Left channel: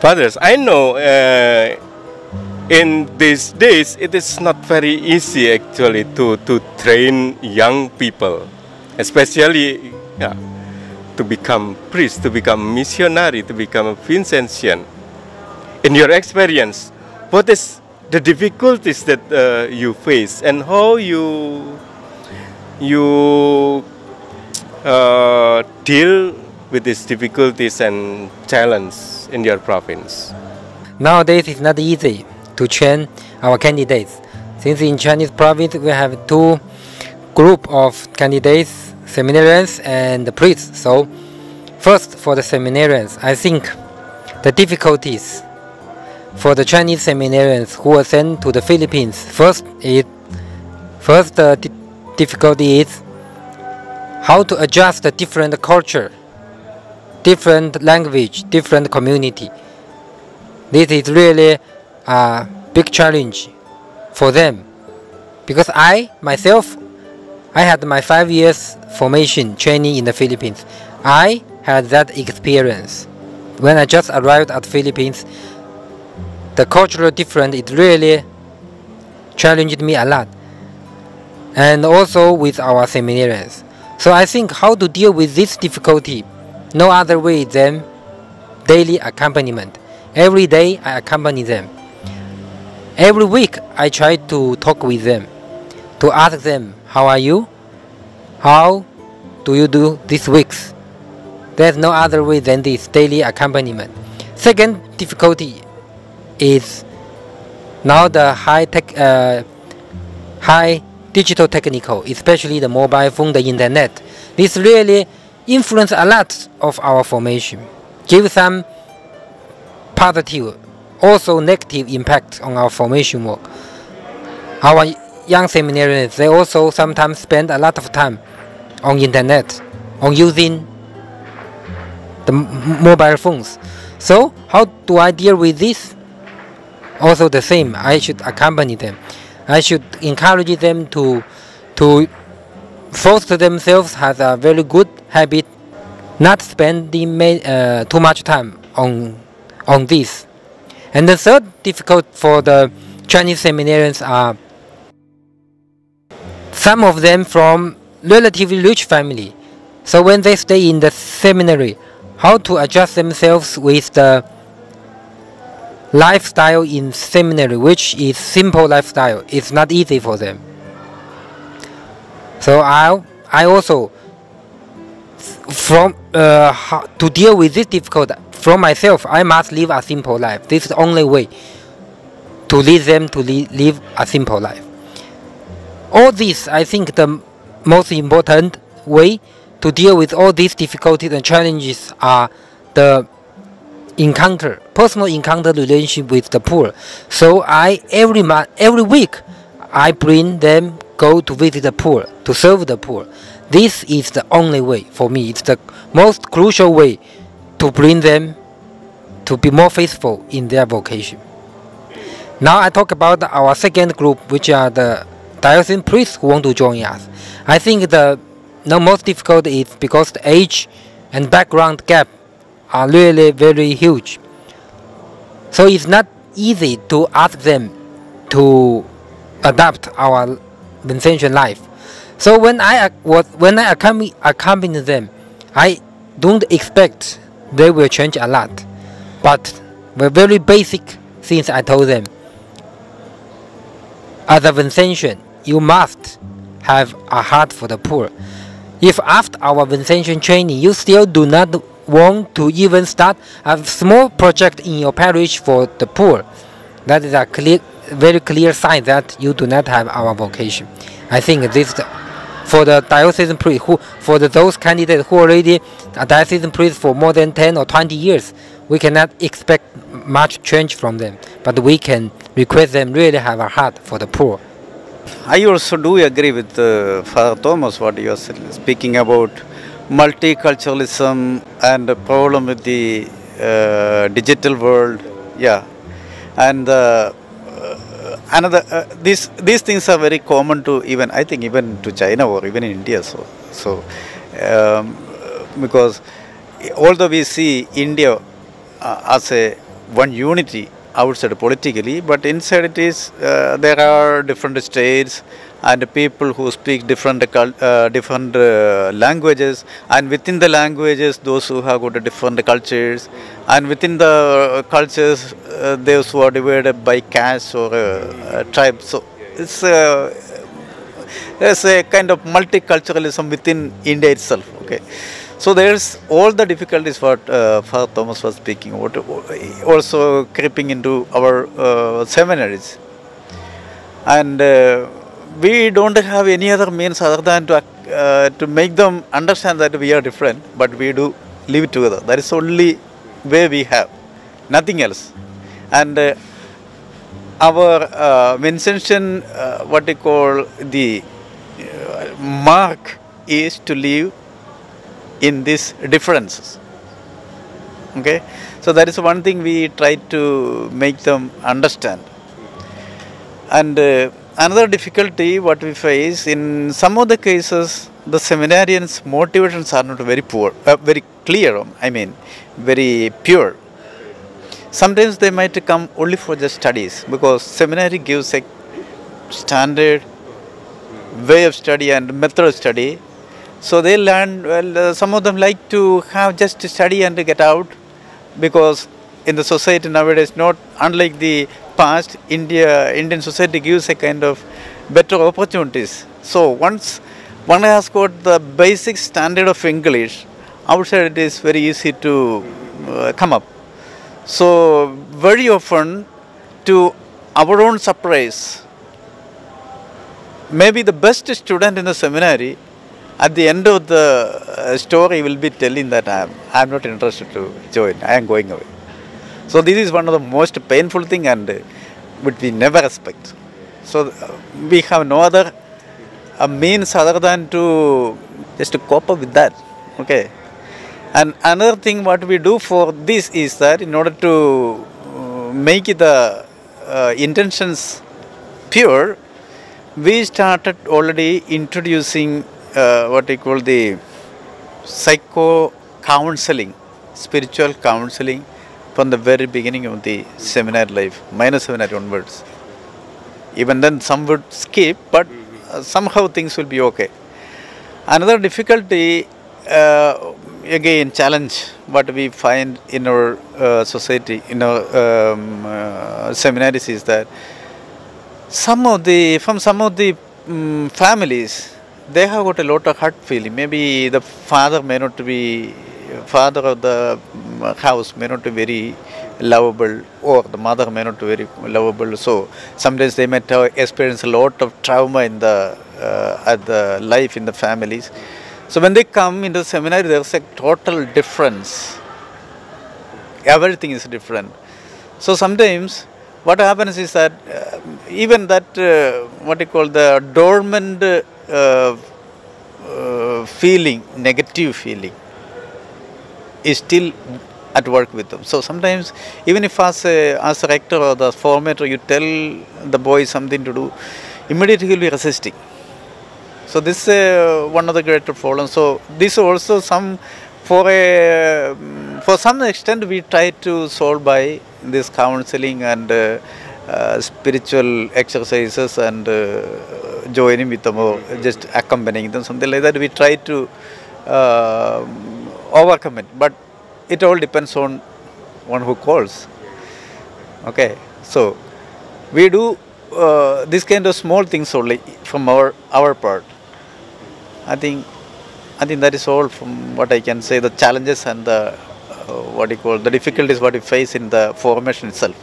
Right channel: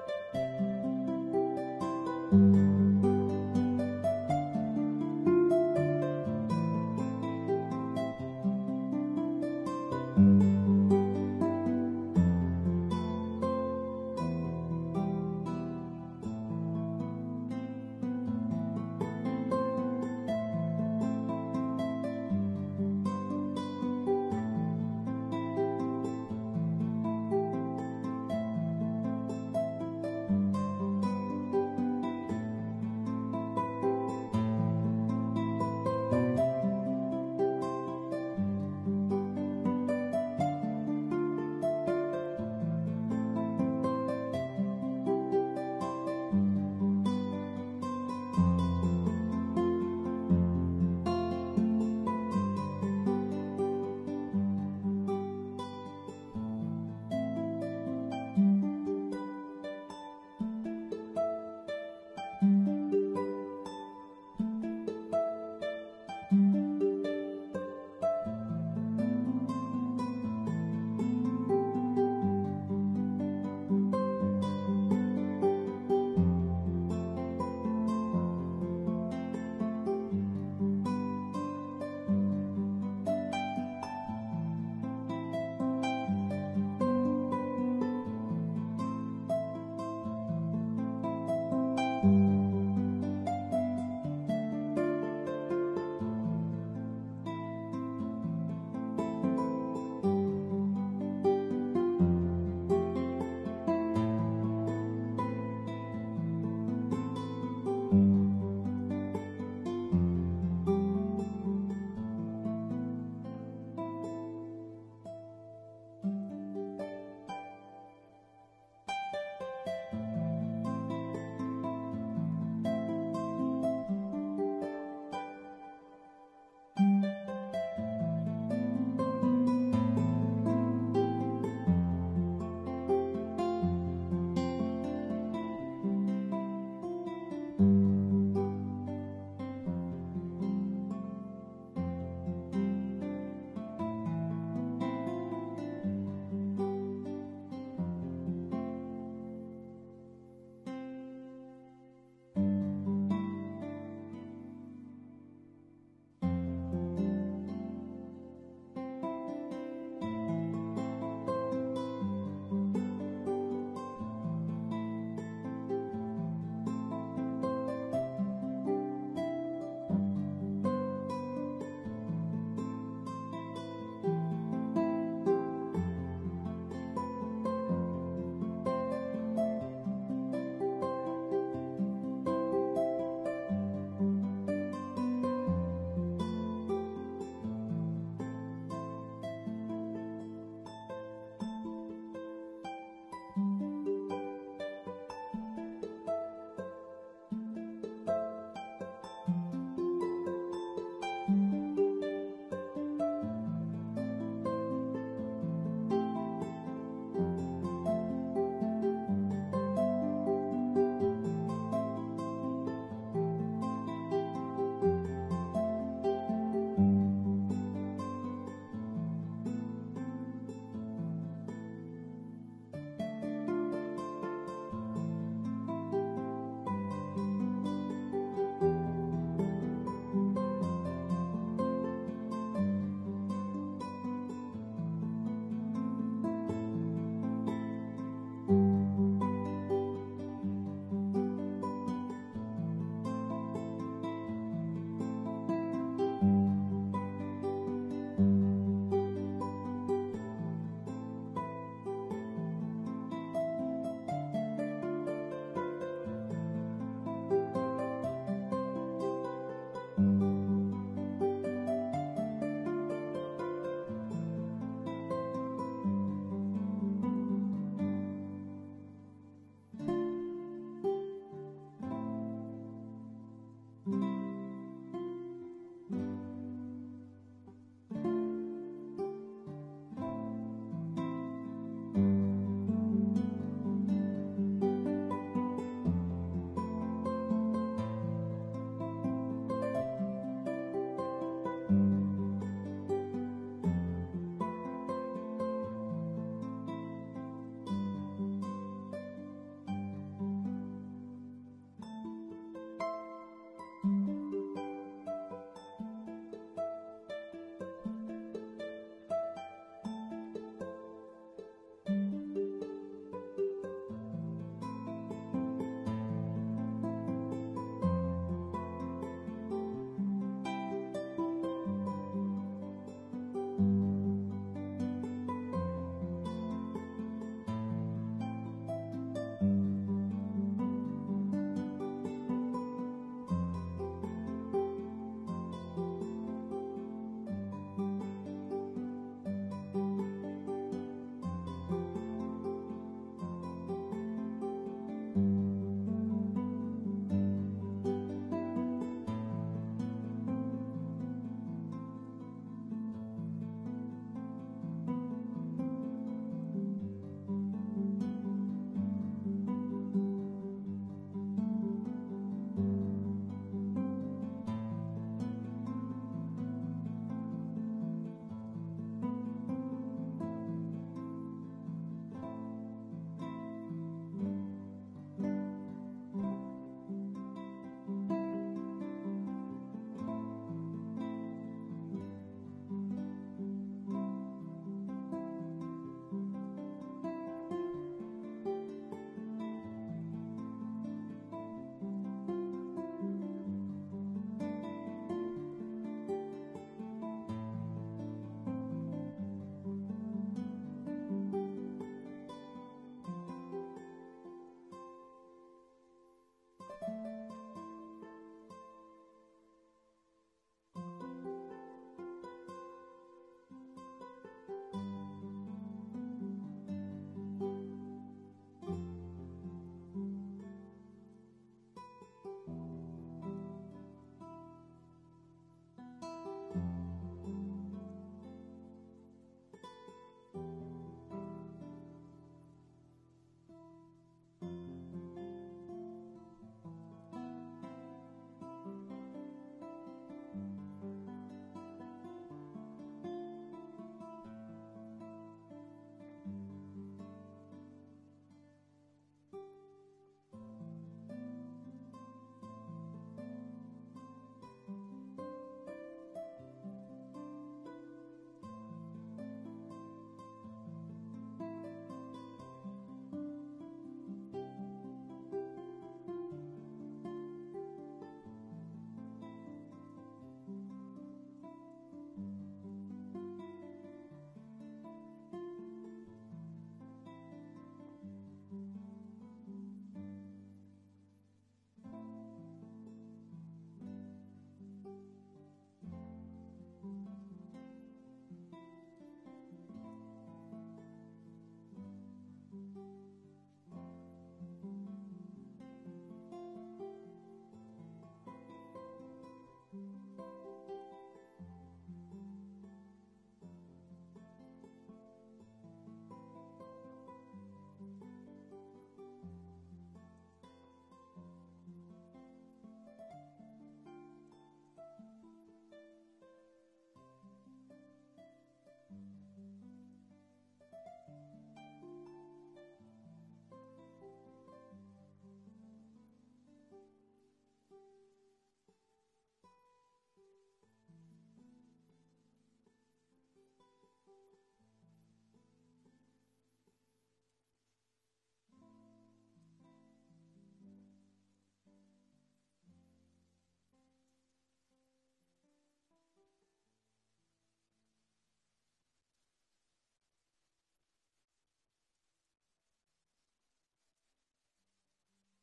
Fathers, I know in these days it is not very easy actually to train young people, especially to become priest, to become missionary, to become a Vincentian. In your experience, what is the difficulties that you face and how you deal with these difficulties and challenges in your province? Nowadays it's not easy to train our candidates. Since in Chinese province we have two group of candidates, seminarians and the priests. So first for the seminarians, I think the difficulties for the Chinese seminarians who were sent to the Philippines, first the difficulty is how to adjust the different culture, different language, different community. This is really a big challenge for them, because I had my 5 years formation training in the Philippines. I had that experience. When I just arrived at Philippines, the cultural difference, it really challenged me a lot. And also with our seminarians. So I think how to deal with this difficulty, no other way than daily accompaniment. Every day I accompany them. Every week I try to talk with them, to ask them, how are you? How do you do these weeks? There's no other way than this daily accompaniment. Second difficulty is now the high digital technical, especially the mobile phone, the internet. This really influence a lot of our formation, give some positive, also negative impact on our formation work. Our young seminarians, they also sometimes spend a lot of time on internet, on using the mobile phones. So how do I deal with this? Also the same, I should accompany them. I should encourage them to foster themselves has a very good habit, not spending too much time on this. And the third difficult for the Chinese seminarians are some of them from relatively rich family. So when they stay in the seminary, how to adjust themselves with the lifestyle in seminary, which is simple lifestyle, it's not easy for them. So I also, to deal with this difficulty from myself, I must live a simple life. This is the only way to lead them to live a simple life. All this, I think the most important way to deal with all these difficulties and challenges are the personal encounter relationship with the poor. So every week, I bring them go to visit the poor, to serve the poor. This is the only way for me. It's the most crucial way to bring them to be more faithful in their vocation. Now I talk about our second group, which are the diocesan priests who want to join us. I think the most difficult is because the age and background gap are really very huge. So it's not easy to ask them to adapt our Vincentian life. So when I accompany them, I don't expect they will change a lot. But the very basic things I told them. As a Vincentian, you must have a heart for the poor. If after our Vincentian training you still do not want to even start a small project in your parish for the poor, that is a very clear sign that you do not have our vocation. I think this for the diocesan priest, those candidates who already are diocesan priests for more than 10 or 20 years, we cannot expect much change from them, but we can request them really have a heart for the poor. I also do agree with Father Thomas what you are speaking about multiculturalism and the problem with the digital world. Yeah, and these things are very common to even to China or even in India. So because although we see India as a one unity outside politically, but inside it is there are different states and people who speak different languages, and within the languages those who have got different cultures, and within the cultures those who are divided by caste or tribes. So it's there's a kind of multiculturalism within India itself. Okay, so there's all the difficulties what Father Thomas was speaking about, also creeping into our seminaries, and we don't have any other means other than to make them understand that we are different, but we do live together. That is only way we have, nothing else. And our Vincentian, what they call the mark is to live in these differences. Okay, so that is one thing we try to make them understand. And another difficulty what we face in some of the cases, the seminarians' motivations are not very very clear. I mean, very pure. Sometimes they might come only for just studies, because seminary gives a standard way of study and method of study. So they learn, well, some of them like to have just study and get out, because in the society nowadays, not unlike the past, Indian society gives a kind of better opportunities. So once one has got the basic standard of English, outside it is very easy to come up. So very often, to our own surprise, maybe the best student in the seminary, at the end of the story will be telling that I am not interested to join, I am going away. So this is one of the most painful thing, and which we never expect. So we have no other means other than to just to cope up with that. Okay. And another thing what we do for this is that in order to make the intentions pure, we started already introducing what we call the psycho-counseling, spiritual counseling from the very beginning of the seminary life, minor seminary onwards. Even then some would skip, but somehow things will be okay. Another difficulty, again challenge what we find in our society, in our seminaries, is that from some of the families, they have got a lot of hurt feeling. Maybe the father of the house may not be very lovable, or the mother may not be very lovable. So sometimes they might have experienced a lot of trauma in the life in the families. So when they come into the seminary, there's a total difference. Everything is different. So sometimes what happens is that even that what you call the dormant feeling, negative feeling, is still at work with them. So sometimes, even if as a rector or the formator, you tell the boy something to do, immediately he will be resisting. So this is one of the greater problems. So this also for some extent we try to solve by this counseling and spiritual exercises and joining with them or just accompanying them, something like that. We try to overcome it, but it all depends on one who calls. Okay, so we do this kind of small things only from our part. I think that is all from what I can say. The challenges and the what you call the difficulties what we face in the formation itself.